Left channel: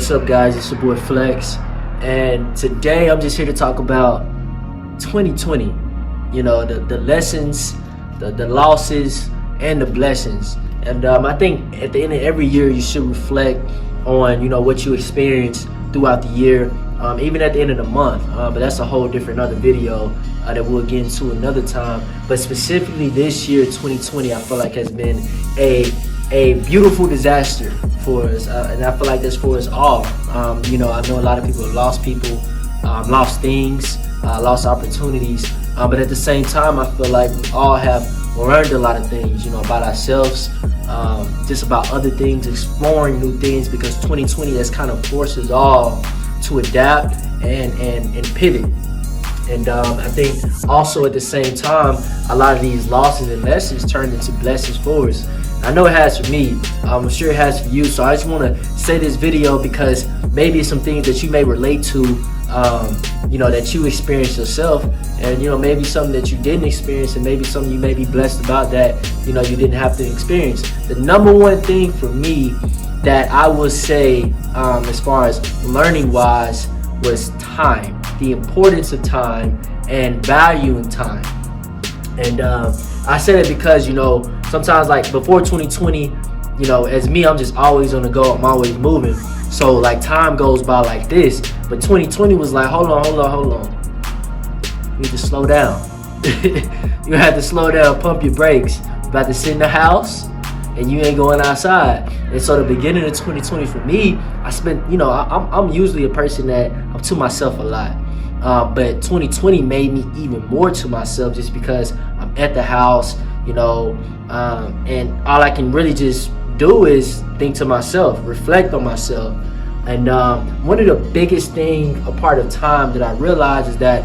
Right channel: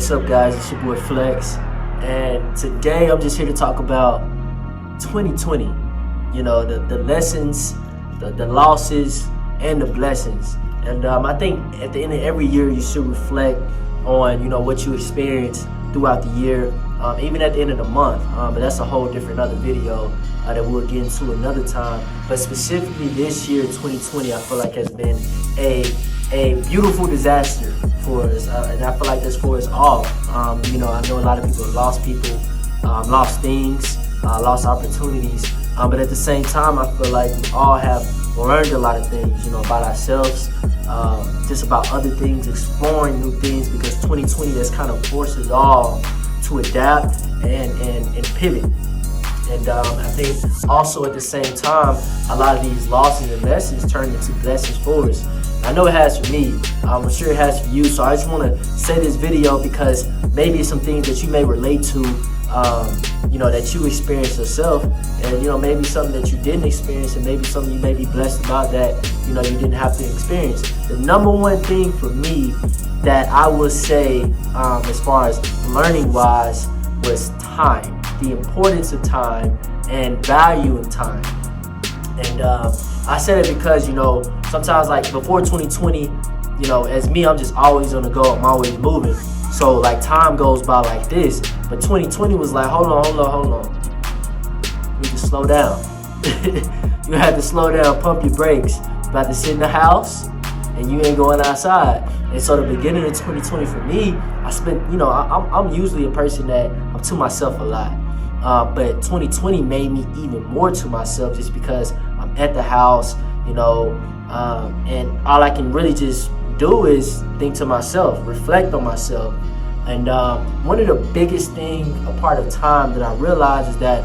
What's up, guys? It's your boy Flex, and today I'm just here to talk about 2020. You know, the lessons, the losses, and the blessings. And I think at the end of every year, you should reflect on what you experienced throughout the year, even at the end of the month. But that's a whole different other video that we'll get into another time. But specifically this year, 2020, I feel like has been a beautiful disaster for us, and I feel like that's for us all. I know a lot of people have lost people, lost things, lost opportunities, but at the same time, I feel like we all have learned a lot of things, about ourselves, just about other things, exploring new things, because 2020 has kind of forced us all to adapt and pivot. And I think also at the same time, a lot of these losses and lessons turned into blessings for us. I know it has for me. I'm sure it has for you. So I just want to say this video because maybe it's some things that you may relate to, that you experienced yourself, and maybe something that you didn't experience, and maybe something you may be blessed about that you didn't have to experience. The number one thing for me that I would say, as far as learning wise, was time. The importance of time and valuing time. And I say that because sometimes, like before 2020, as me, I'm just always on the go, I'm always moving. So like time goes by like this, but 2020 was like, hold on. You need to slow down. You have to slow down, pump your brakes. You're about to sit in the house and you ain't going outside. And so the beginning of 2020 for me, I spent, I'm usually a person that I'm to myself a lot. But 2020 made me even more to myself just because I'm at the house, and all I can really just do is think to myself, reflect on myself. And one of the biggest thing, a part of time that I realized is that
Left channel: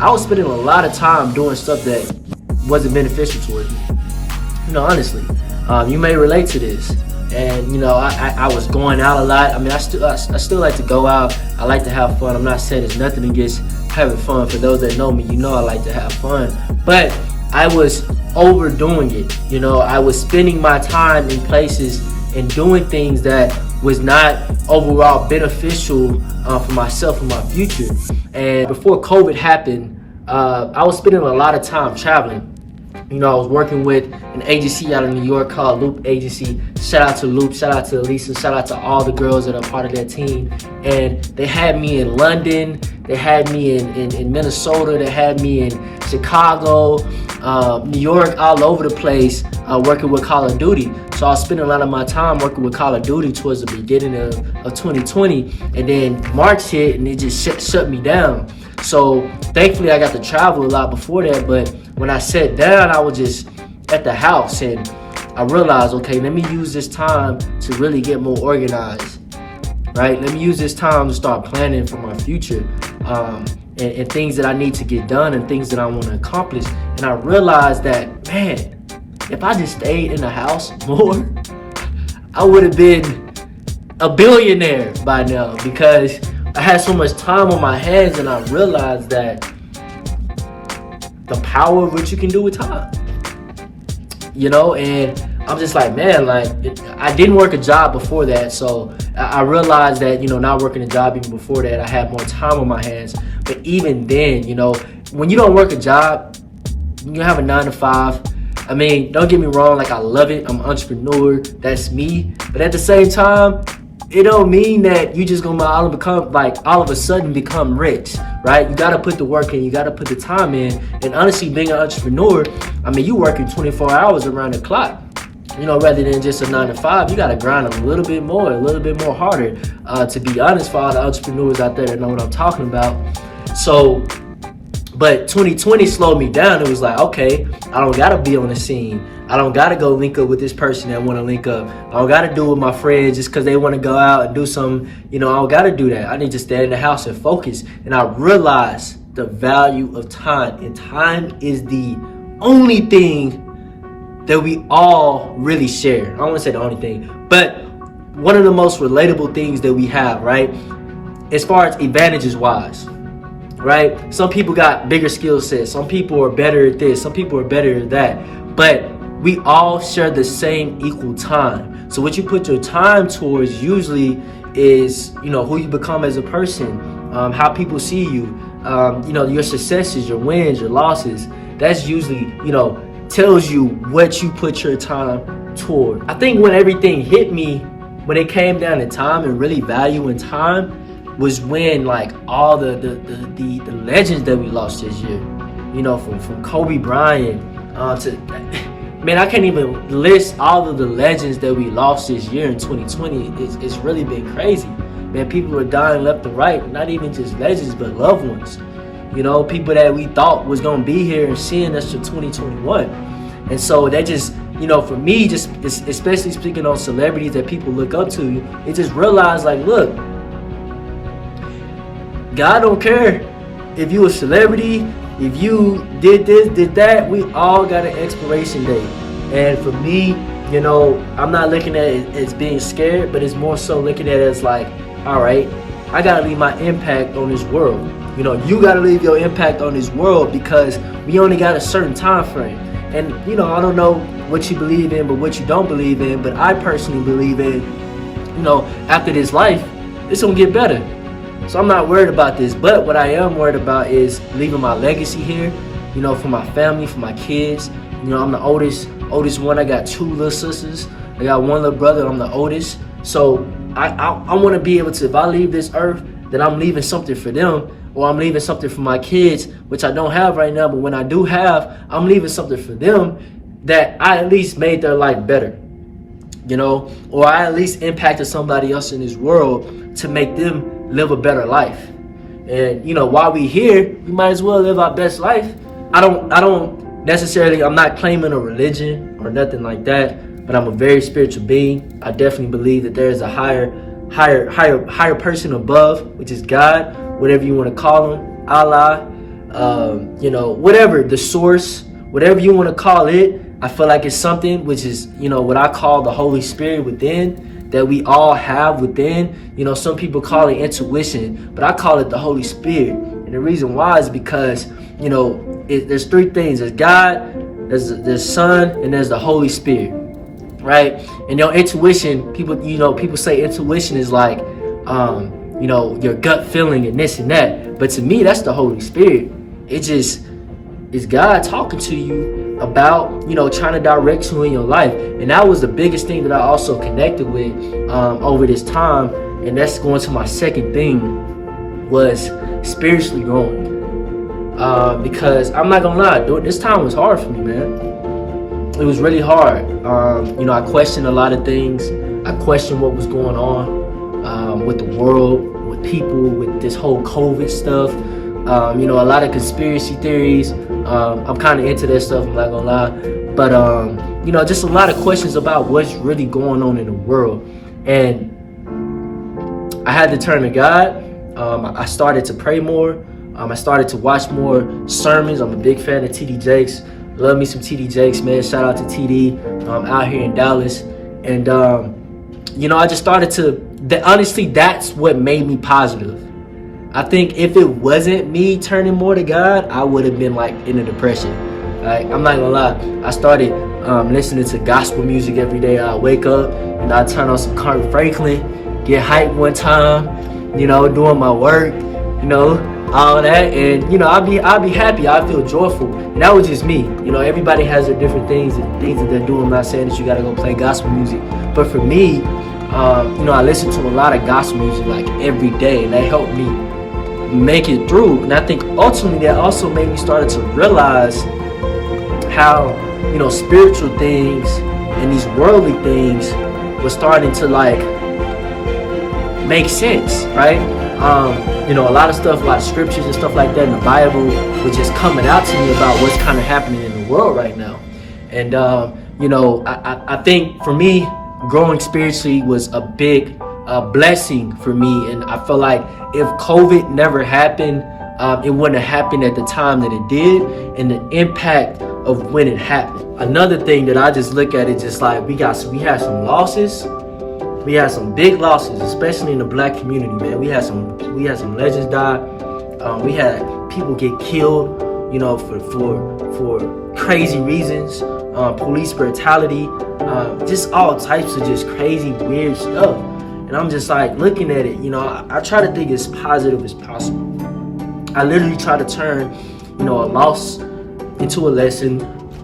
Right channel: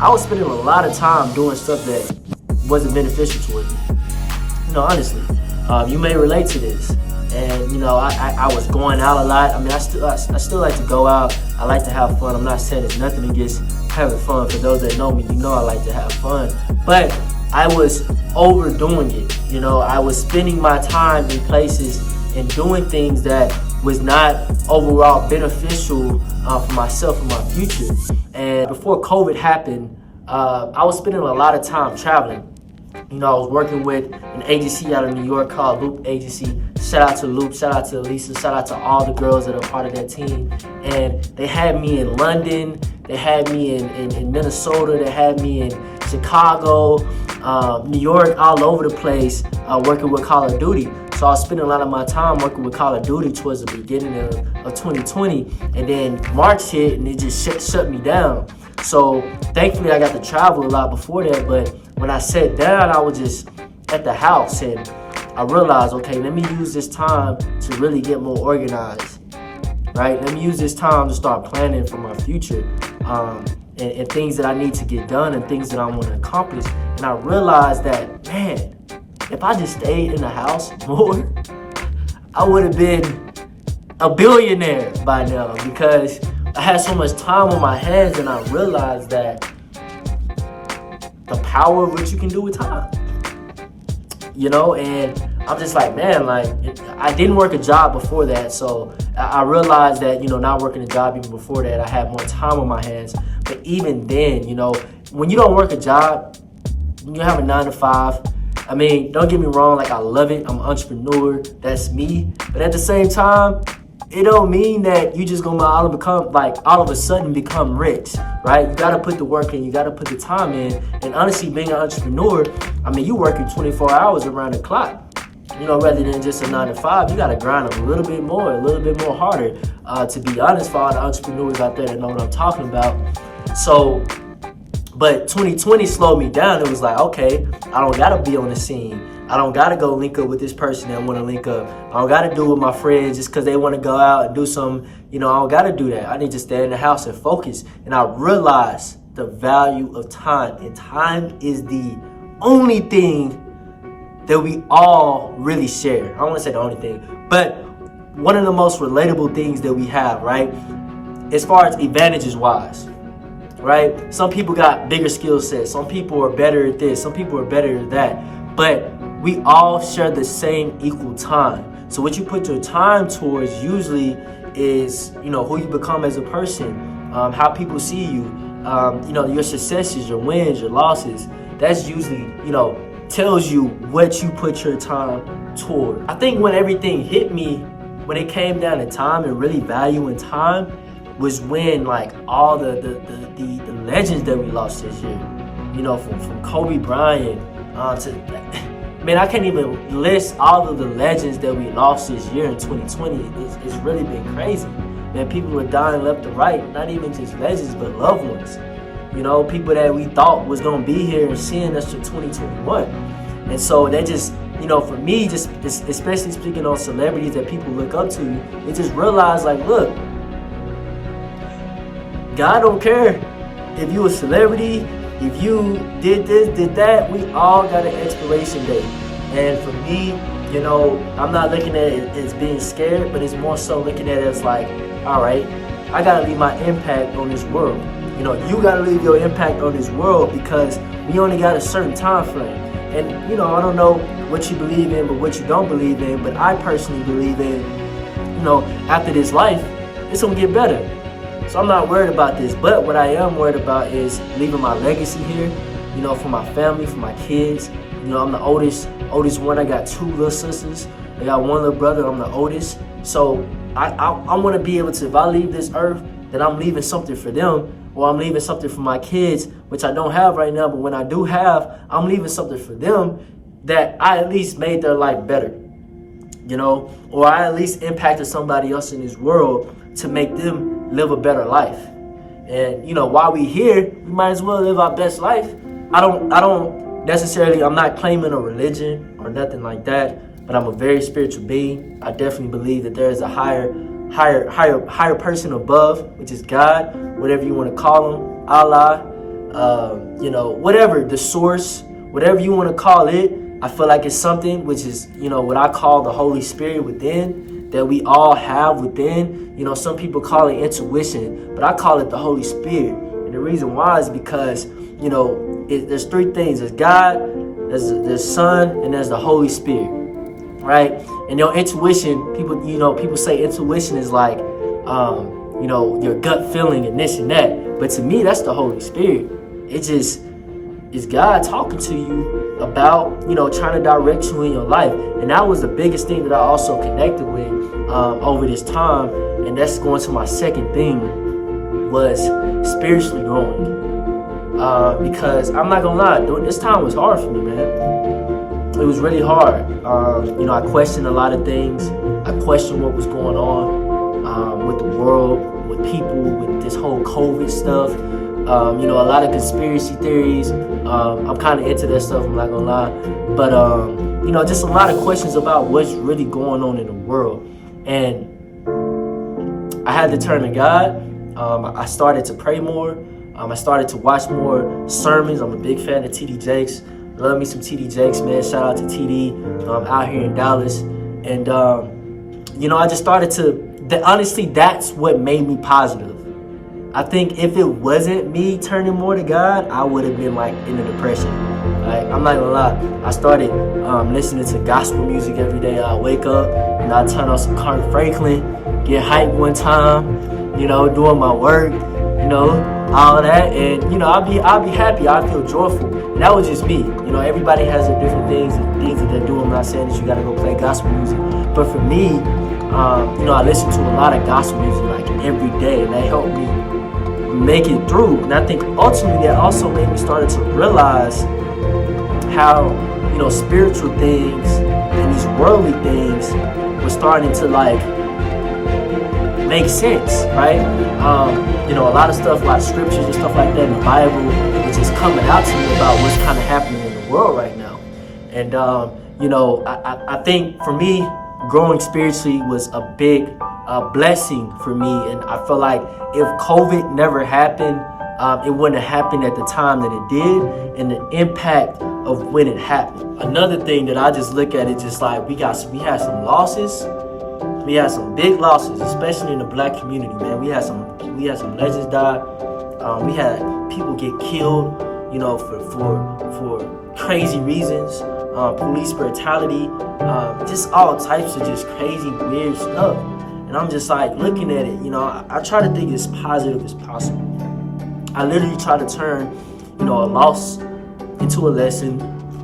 I was spending a lot of time doing stuff that wasn't beneficial towards me. Honestly, you may relate to this. And I was going out a lot. I mean, I still like to go out. I like to have fun. I'm not saying there's nothing against having fun. For those that know me, I like to have fun. But I was overdoing it. I was spending my time in places and doing things that was not overall beneficial for myself and my future. And before COVID happened, I was spending a lot of time traveling. I was working with an agency out of New York called Loop Agency. Shout out to Loop, shout out to Lisa, shout out to all the girls that are part of that team. And they had me in London, they had me in Minnesota, they had me in Chicago, New York, all over the place, working with Call of Duty. So I was spending a lot of my time working with Call of Duty towards the beginning of 2020. And then March hit and it just shut me down. So thankfully I got to travel a lot before that, but when I sat down, I was just at the house and I realized, okay, let me use this time to really get more organized, right? Let me use this time to start planning for my future, and things that I need to get done and things that I want to accomplish. And I realized that, man, if I just stayed in the house more, I would have been a billionaire by now, because I had so much time on my hands, and I realized that the power of what you can do with time, and I'm just like, man, like I didn't work a job before that. So I realized that, not working a job even before that, I had more time on my hands. But even then, when you don't work a job, you have a 9 to 5. I mean, don't get me wrong, like I love it. I'm an entrepreneur, that's me. But at the same time, it don't mean that you just gonna all of a sudden become rich, right? You gotta put the work in, you gotta put the time in. And honestly, being an entrepreneur, I mean, you working 24 hours around the clock, rather than just a 9 to 5. You gotta grind a little bit more harder, to be honest, for all the entrepreneurs out there that know what I'm talking about. So, but 2020 slowed me down. It was like, okay, I don't gotta be on the scene. I don't gotta go link up with this person that wanna link up. I don't gotta do it with my friends just cause they wanna go out and do something. I don't gotta do that. I need to stay in the house and focus. And I realized the value of time. And time is the only thing that we all really share. I don't wanna say the only thing, but one of the most relatable things that we have, right? As far as advantages wise, right? Some people got bigger skill sets. Some people are better at this. Some people are better at that. But we all share the same equal time. So what you put your time towards usually is, who you become as a person, how people see you, your successes, your wins, your losses. That's usually, tells you what you put your time toward. I think when everything hit me, when it came down to time and really valuing time, was when like all the legends that we lost this year, from Kobe Bryant to, man, I can't even list all of the legends that we lost this year in 2020. It's really been crazy. Man, people are dying left and right, not even just legends, but loved ones. People that we thought was gonna be here and seeing us to 2021. And so that just, for me, just especially speaking on celebrities that people look up to, it just realized like, look, God don't care if you a celebrity, if you did this, did that. We all got an expiration date. And for me, I'm not looking at it as being scared, but it's more so looking at it as like, all right, I gotta leave my impact on this world. You gotta leave your impact on this world because we only got a certain time frame. And I don't know what you believe in, but what you don't believe in, but I personally believe in, after this life, it's gonna get better. So I'm not worried about this, but what I am worried about is leaving my legacy here, for my family, for my kids. I'm the oldest one. I got 2 little sisters. I got 1 little brother. I'm the oldest. So I want to be able to, if I leave this earth, then I'm leaving something for them, or I'm leaving something for my kids, which I don't have right now, but when I do have, I'm leaving something for them that I at least made their life better, or I at least impacted somebody else in this world to make them live a better life. And while we here, we might as well live our best life. I don't necessarily, I'm not claiming a religion or nothing like that, but I'm a very spiritual being. I definitely believe that there is a higher person above, which is God, whatever you want to call him, Allah, whatever, the source, whatever you want to call it. I feel like it's something which is, what I call the Holy Spirit within, that we all have within. Some people call it intuition, but I call it the Holy Spirit. And the reason why is because, there's 3 things. There's God, there's Son, and there's the Holy Spirit, right? And your intuition, people say intuition is like, your gut feeling and this and that. But to me, that's the Holy Spirit. It's God talking to you about, trying to direct you in your life. And that was the biggest thing that I also connected with over this time. And that's going to my second thing, was spiritually growing. Because I'm not gonna lie, this time was hard for me, man. It was really hard. I questioned a lot of things. I questioned what was going on with the world, with people, with this whole COVID stuff. A lot of conspiracy theories. I'm kind of into this stuff, I'm not gonna lie. But, just a lot of questions about what's really going on in the world. And I had to turn to God. I started to pray more. I started to watch more sermons. I'm a big fan of TD Jakes. Love me some TD Jakes, man. Shout out to TD out here in Dallas. And, I just started to, honestly, that's what made me positive. I think if it wasn't me turning more to God, I would have been like in a depression. Right? I'm not gonna lie. I started listening to gospel music every day. I wake up and I turn on some Kirk Franklin, get hyped one time, doing my work, all that, and I'll be happy. I feel joyful. And that was just me. Everybody has their different things and things that they're doing. I'm not saying that you gotta go play gospel music, but for me, I listen to a lot of gospel music like every day, and that helped me make it through. And I think ultimately that also made me start to realize how spiritual things and these worldly things were starting to like make sense, right? A lot of stuff like scriptures and stuff like that in the Bible was just coming out to me about what's kind of happening in the world right now. And I think for me, growing spiritually was a big blessing for me. And I feel like if COVID never happened, it wouldn't have happened at the time that it did, and the impact of when it happened. Another thing that I just look at it just like we had some losses. We had some big losses, especially in the Black community, man. We had some legends die. We had people get killed, for crazy reasons. Police brutality, just all types of just crazy, weird stuff. And I'm just like looking at it, I try to think as positive as possible. I literally try to turn, a loss into a lesson,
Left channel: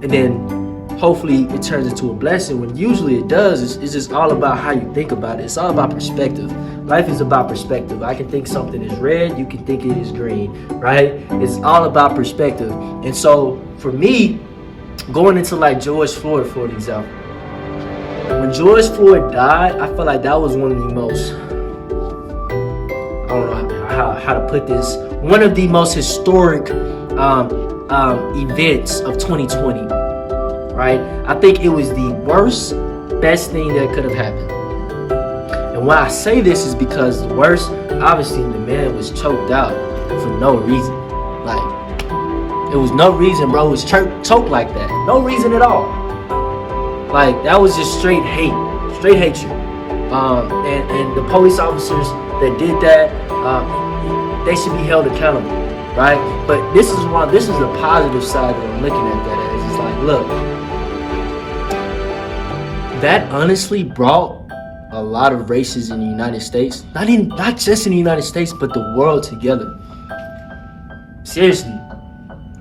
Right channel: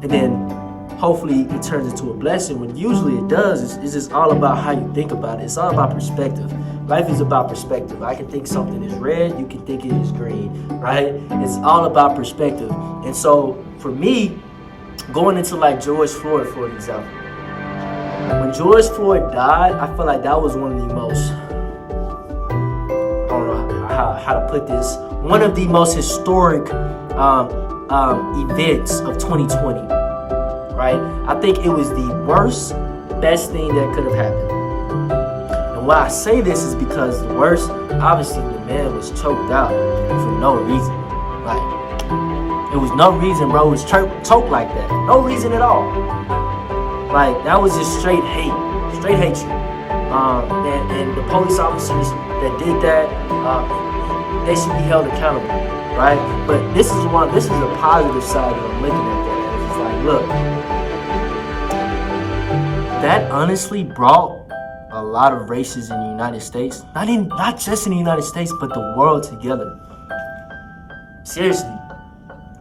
and then hopefully it turns into a blessing. When usually it does, it's just all about how you think about it. It's all about perspective. Life is about perspective. I can think something is red, you can think it is green, right? It's all about perspective. And so for me, going into like George Floyd, for example, when George Floyd died, I feel like that was one of the most, I don't know how to put this, one of the most historic events of 2020, right? I think it was the best thing that could have happened. And why I say this is because the worst, obviously the man was choked out for no reason. Like, it was no reason, bro. It was choked like that. No reason at all. Like, that was just straight hatred. And the police officers that did that, they should be held accountable, right? But this is the positive side of looking at that. It's like, look, that honestly brought a lot of races in the United States, not just in the United States, but the world together. Seriously.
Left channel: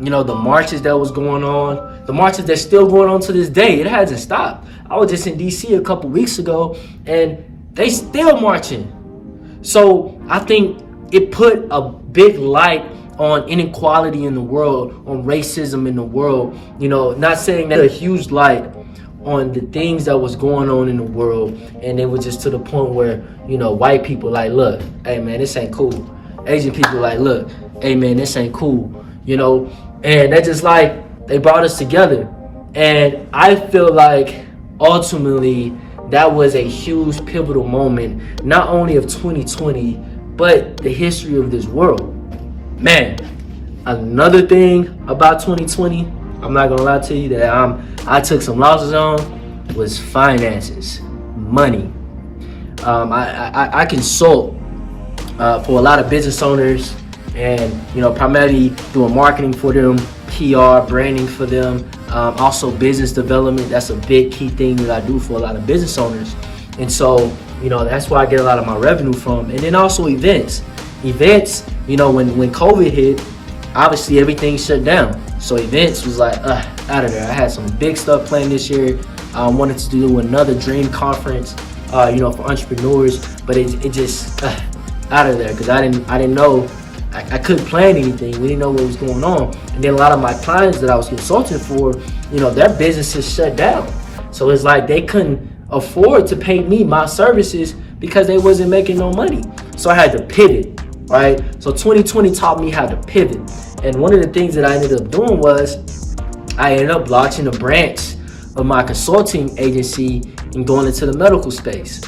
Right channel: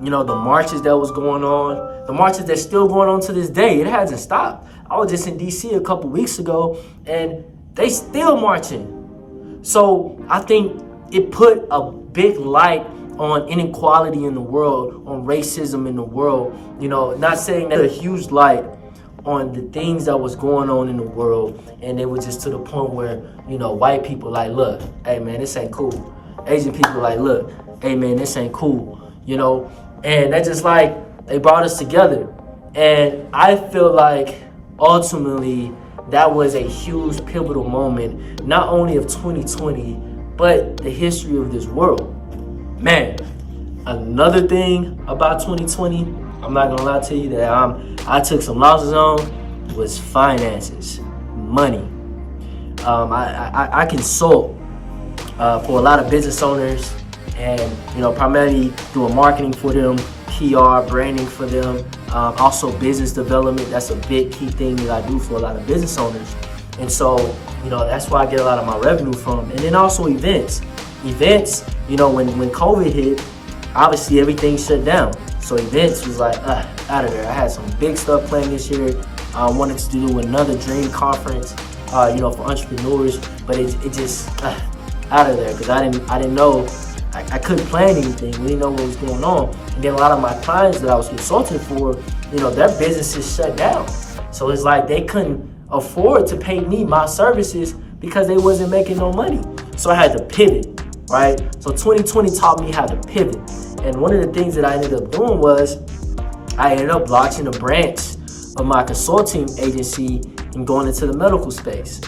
The marches that was going on, the marches that's still going on to this day, it hasn't stopped. I was just in DC a couple weeks ago, and they still marching. So I think it put a big light on inequality in the world, on racism in the world. Not saying that a huge light on the things that was going on in the world, and it was just to the point where, white people like, look, hey man, this ain't cool. Asian people like, look, hey man, this ain't cool. And that just like, they brought us together. And I feel like ultimately that was a huge pivotal moment, not only of 2020, but the history of this world. Man, another thing about 2020, I'm not gonna lie to you, that I took some losses on, was finances, money. I consult for a lot of business owners, and primarily doing marketing for them, PR, branding for them, also business development. That's a big key thing that I do for a lot of business owners. And so, that's where I get a lot of my revenue from. And then also events, when COVID hit, obviously everything shut down. So events was like, out of there. I had some big stuff planned this year. I wanted to do another dream conference, for entrepreneurs, but it just out of there, because I didn't know. I couldn't plan anything. We didn't know what was going on. And then a lot of my clients that I was consulting for, their businesses shut down. So it's like they couldn't afford to pay me my services because they wasn't making no money. So I had to pivot, right? So 2020 taught me how to pivot. And one of the things that I ended up doing was I ended up launching a branch of my consulting agency and going into the medical space,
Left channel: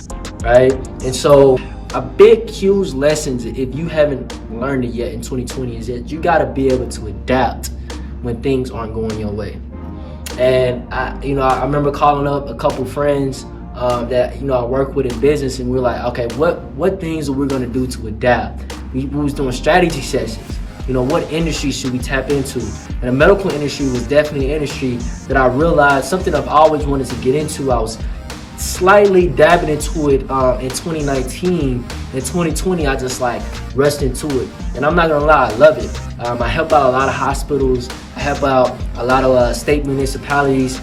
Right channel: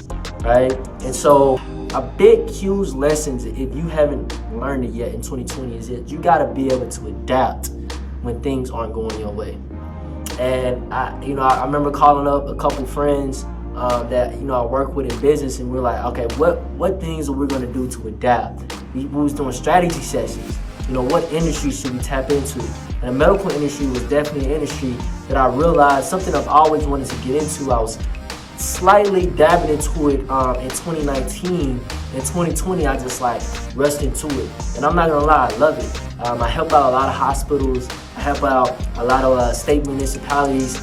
right? And so a big, huge lesson, if you haven't learned it yet in 2020, is that you got to be able to adapt when things aren't going your way. And I remember calling up a couple friends that I work with in business, and we're like, okay, what things are we going to do to adapt? We was doing strategy sessions. What industry should we tap into? And the medical industry was definitely an industry that I realized, something I've always wanted to get into. I was slightly dabbing into it in 2019. In 2020, I just like rushed into it. And I'm not gonna lie, I love it. I help out a lot of hospitals. I help out a lot of state municipalities,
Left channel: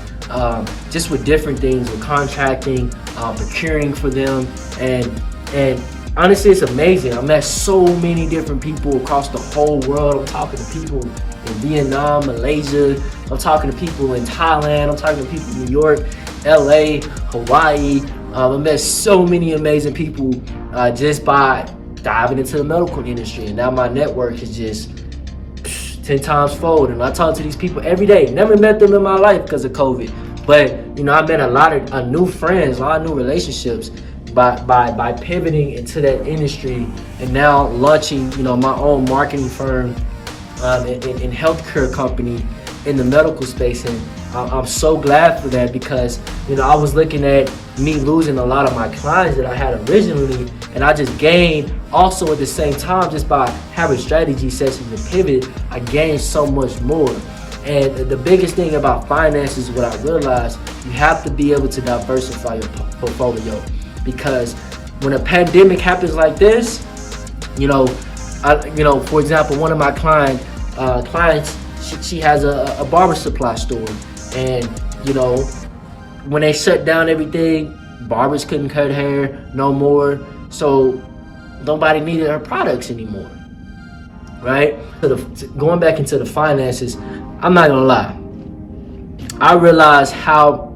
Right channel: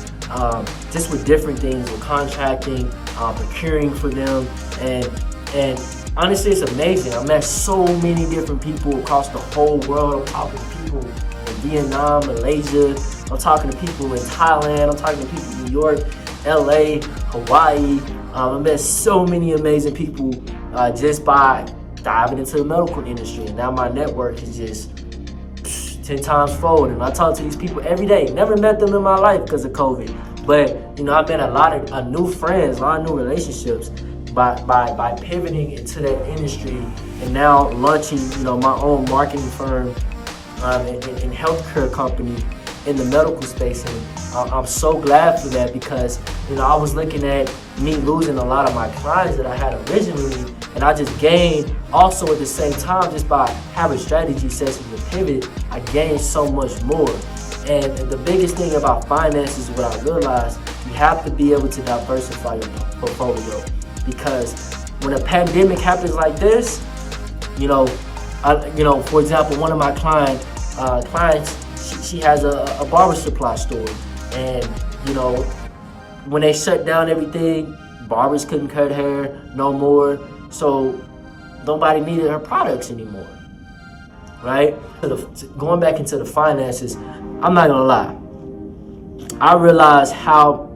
just with different things, with contracting, procuring for them. And honestly, it's amazing. I met so many different people across the whole world. I'm talking to people in Vietnam, Malaysia. I'm talking to people in Thailand. I'm talking to people in New York, LA, Hawaii. I met so many amazing people just by diving into the medical industry. And now my network is just 10 times fold. And I talk to these people every day. Never met them in my life because of COVID. But, I met a lot of new friends, a lot of new relationships by pivoting into that industry, and now launching, my own marketing firm and healthcare company in the medical space. And I'm so glad for that, because I was looking at me losing a lot of my clients that I had originally, and I just gained also at the same time, just by having strategy sessions and pivot, I gained so much more. And the biggest thing about finances, what I realized, you have to be able to diversify your portfolio, because when a pandemic happens like this, you know, for example, one of my clients, she has a barber supply store, and when they shut down everything, barbers couldn't cut hair no more, so nobody needed her products anymore, right? Going back into the finances, I'm not gonna lie, I realized how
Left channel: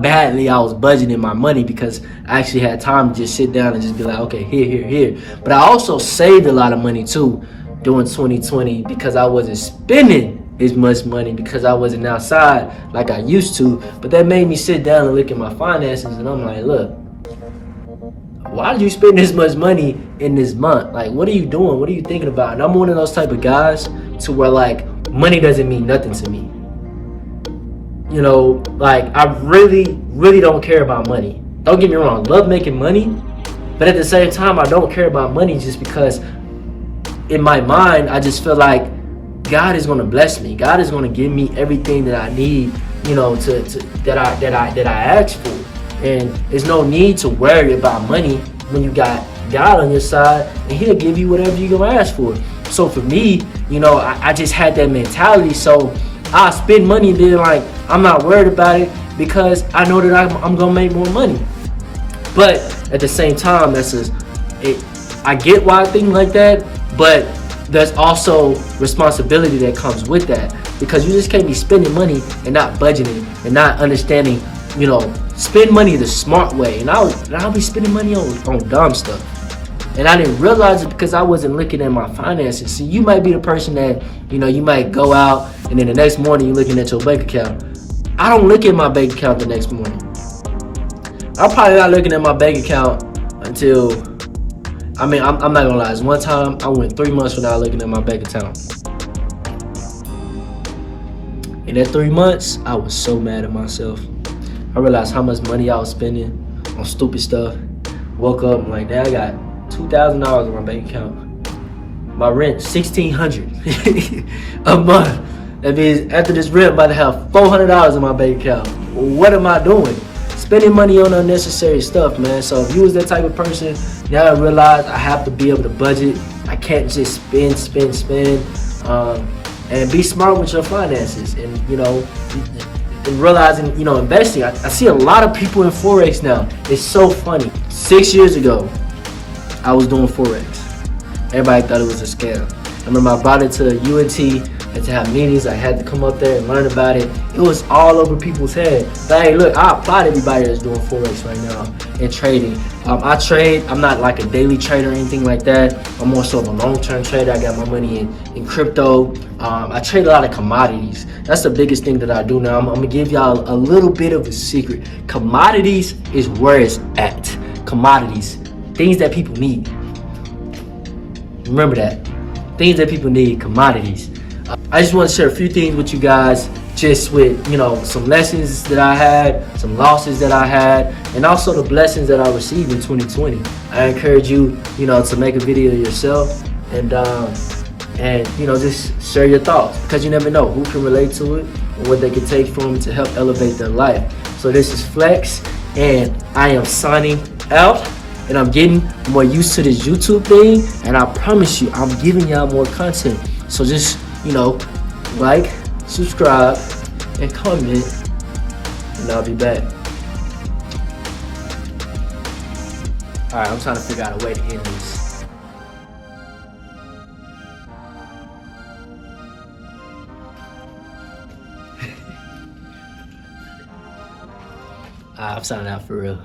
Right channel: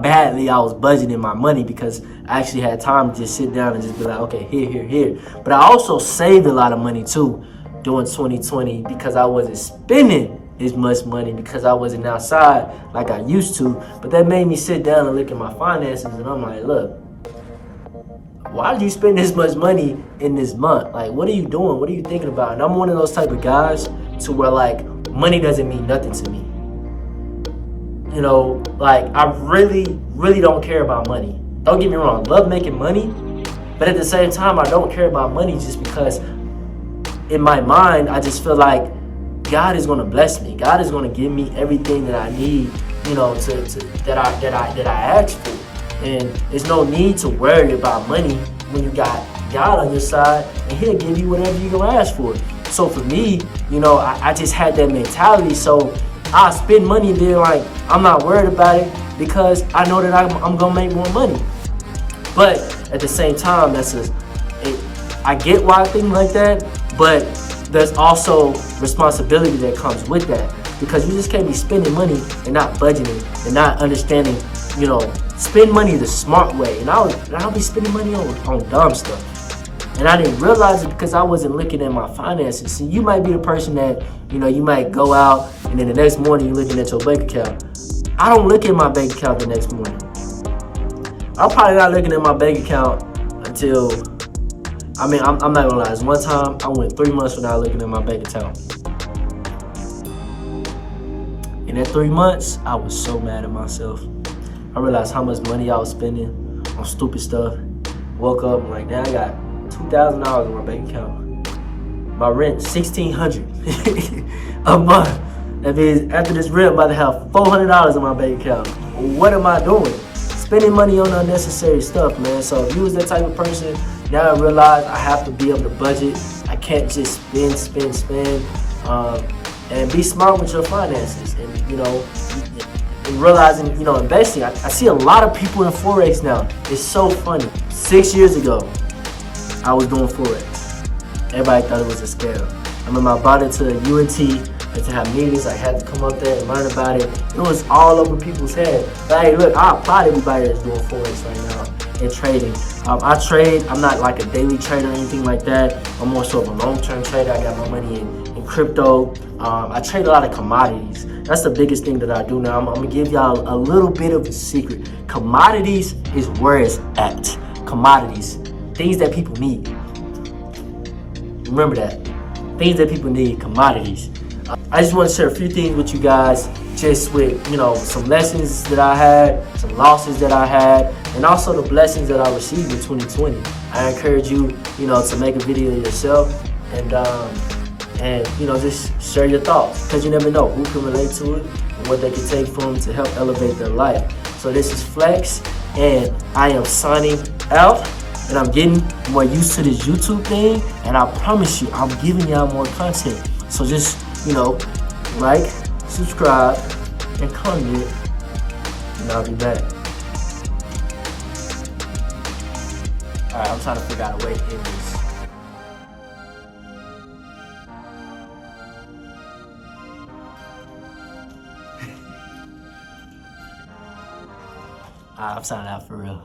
badly I was budgeting my money, because I actually had time to just sit down and just be like, okay, here. But I also saved a lot of money too during 2020, because I wasn't spending as much money, because I wasn't outside like I used to. But that made me sit down and look at my finances, and I'm like, look, why did you spend this much money in this month? Like, what are you doing? What are you thinking about? And I'm one of those type of guys to where, like, money doesn't mean nothing to me. Like, I really don't care about money. Don't get me wrong, love making money, but at the same time, I don't care about money, just because in my mind, I just feel like God is gonna bless me. God is gonna give me everything that I need, that I ask for. And there's no need to worry about money when you got God on your side, and He'll give you whatever you're gonna ask for. So for me, I just had that mentality. So I spend money, and then, like, I'm not worried about it, because I know that I'm gonna make more money. But at the same time, I get why I think like that, but there's also responsibility that comes with that, because you just can't be spending money and not budgeting and not understanding, spend money the smart way. And I'll be spending money on dumb stuff. And I didn't realize it because I wasn't looking at my finances. See, you might be the person that, you might go out and then the next morning you're looking at your bank account. I don't look at my bank account the next morning. I'm probably not looking at my bank account until, I'm not gonna lie. One time I went 3 months without looking at my bank account. In that 3 months, I was so mad at myself. I realized how much money I was spending on stupid stuff. Woke up, I'm like, I got $2,000 in my bank account. My rent, $1,600 a month. That means after this rent, I'm about to have $400 in my bank account. Well, what am I doing? Spending money on unnecessary stuff, man. So if you was that type of person, you gotta realize I have to be able to budget. I can't just spend. And be smart with your finances. And realizing, investing. I see a lot of people in Forex now. It's so funny. 6 years ago, I was doing Forex. Everybody thought it was a scam. I remember I bought into UNT, and to have meetings, I had to come up there and learn about it. It was all over people's head. But hey, look, I applaud everybody that's doing Forex right now and trading. I trade. I'm not like a daily trader or anything like that. I'm more so a long-term trader. I got my money in crypto. I trade a lot of commodities. That's the biggest thing that I do now. I'm gonna give y'all a little bit of a secret. Commodities is where it's at. Commodities, things that people need. Remember that. Things that people need, commodities. I just want to share a few things with you guys, just with, some lessons that I had, some losses that I had, and also the blessings that I received in 2020. I encourage you, to make a video yourself and just share your thoughts, because you never know who can relate to it and what they can take from it to help elevate their life. So this is Flex, and I am signing out. And I'm getting more used to this YouTube thing, and I promise you, I'm giving y'all more content. So just, like, subscribe, and comment, and I'll be back. Alright, I'm trying to figure out a way to end this. I'm signing out for real.